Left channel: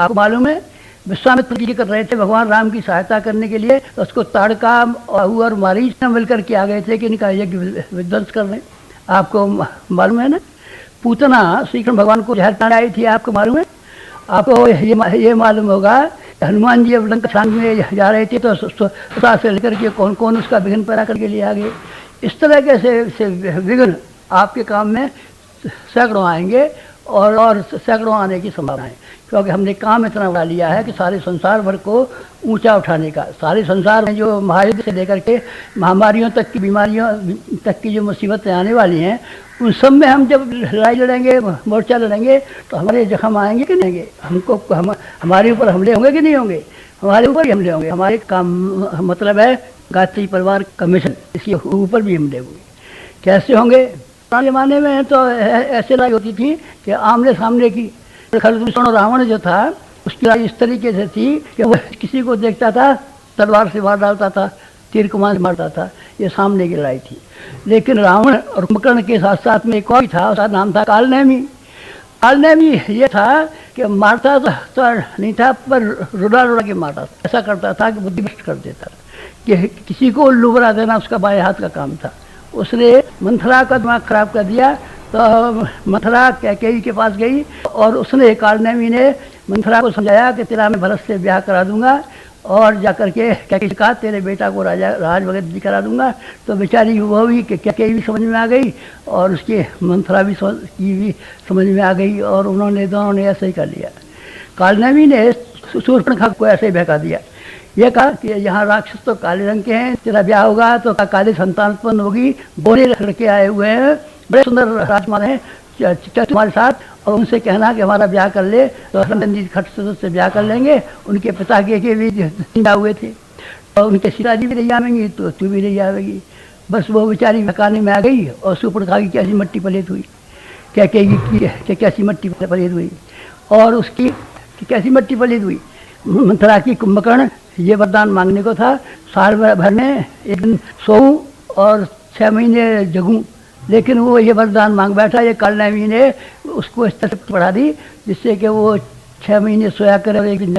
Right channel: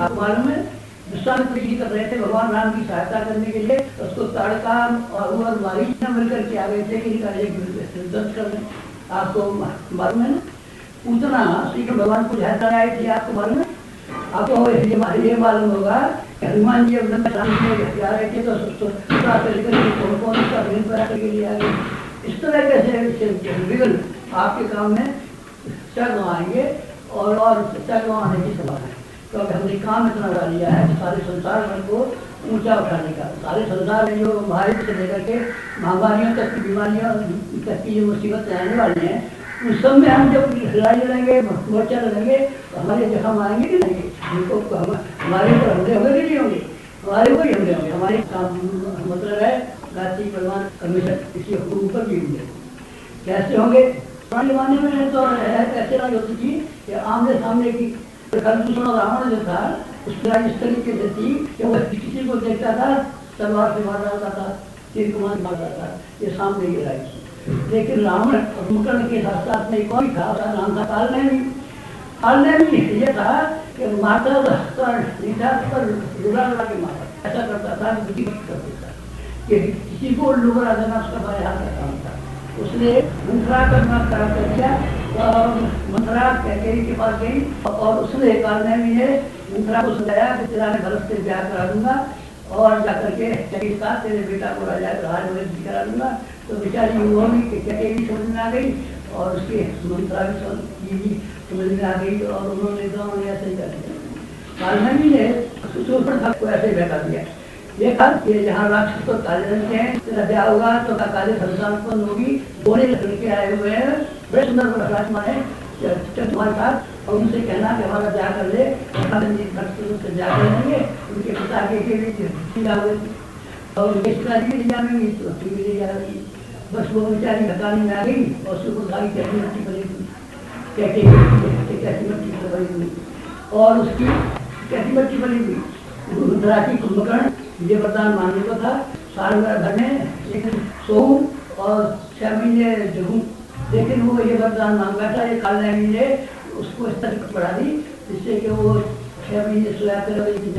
आपको मालूम है विश्वामित्र जी कर रहे थे भगवान राम की सहायता करने के लिए, तो उसको ताड़का और मारीच मिलकर के आ गए थे कि इनका यज्ञ विध्वंस कर रहे हैं। आपको मालूम है ना, पूतना श्री कृष्ण भगवान को जहर डाल आई थी, आपको मालूम है। आपको ये मालूम होगा हनुमान जी अब लंका छानने जा रहे थे तो सुधा से लेकर के कौन कौन उसका विघ्न पैदा करके लिए आ गए। इस तरह के से विघ्न आपके काम में सैकड़ों आएंगे और सैकड़ों आने की संभावना है, क्योंकि हमने काम इतना उठा लिया है कि सारे संसार भर को ऊंचा उठाने का। सारे संसार में जो महायुद्ध से लेकर के महामारियों तक की, बीमारियों तक की जो मुसीबतें आने वाली हैं, उन सब में हम जब लड़ाई लड़ेंगे, मोर्चा लड़ेंगे, तो हमारे जख्म आएंगे कि नहीं, हमको हमारे ऊपर हमले होंगे कि नहीं होंगे, हमारे ऊपर ही हमले होंगे। हमारे काम मतलब है गायत्री परिवार का मिशन, इसके ऊपर भी हमले होंगे। कैसे होंगे? पुराने ज़माने में तो ऐसे लड़ाई होती थी कि आमने सामने की। खरदूषण और रावण जो था उसकी लड़ाई इस तरीके से थी कि वो किसी को देखता था तलवार से मार डालता था, तीर कमान से मारता था। ये सामने की लड़ाई थी। लेकिन रावण और कुंभकर्ण के साथ साथ में एक और था, उसका नाम था कालनेमी। कालनेमी ये था कि मारता तो नहीं था, पर रुला रुला के मारता, ऐसा करता था कि बुद्धि नष्ट कर देता, कि किसी को उल्लू बना देना उसका बाएं हाथ का काम था। उसने मंथरा का दिमाग खराब कर दिया, तो मंथरा कैकेयी के पास गई और उसने कालनेमी ने मंथरा को समझाया कि तेरा मैं भरत से ब्याह करा दूंगा और जाकर के कैकेयी कहा तेरे बेटा को राज वगैरह करा दूंगा। तो बेचारी वो भी कैकेयी भी समझ में आ गई और उसकी मंथरा भी समझ में आ गई और उन्होंने दोनों ने ऐसे ही कर लिया। कालनेमी ने शूर्पणखा को ऐसे भगा दिया, ये कहा कि यहाँ राक्षस तो काले रंग के हैं, तेरा ब्याह होगा तो काले संतान उत्पन्न होगी। गोरे लड़के आए हुए हैं, बड़े सुंदर राजकुमार हैं तुम्हारे साथ, और उनसे कहना कि हमारा ब्याह कर ले, तो जी खट से ब्याह कर लेंगे। उनके पिता के भी चिंता हुए थे और उनके सीता जी भी ले जाएंगी तो तू भी ले जाएगी। बस वो बेचारी मकानी में आ गई और शूर्पणखा की कैसी मट्टी पलीत हुई, कैसी मट्टी पलीत हुई और उसकी कैसी मट्टी पलीत हुई। मंथरा की कुंभकर्ण ये वरदान मांगने को था, साल भर में एक दिन सोऊं और 6 महीने जगूं, लेकिन वो ये वरदान मांग बैठा। ये कालनेमी ने उसको इस तरह पढ़ा दी जिससे कि वो 6 महीने सोया करे और एक दिन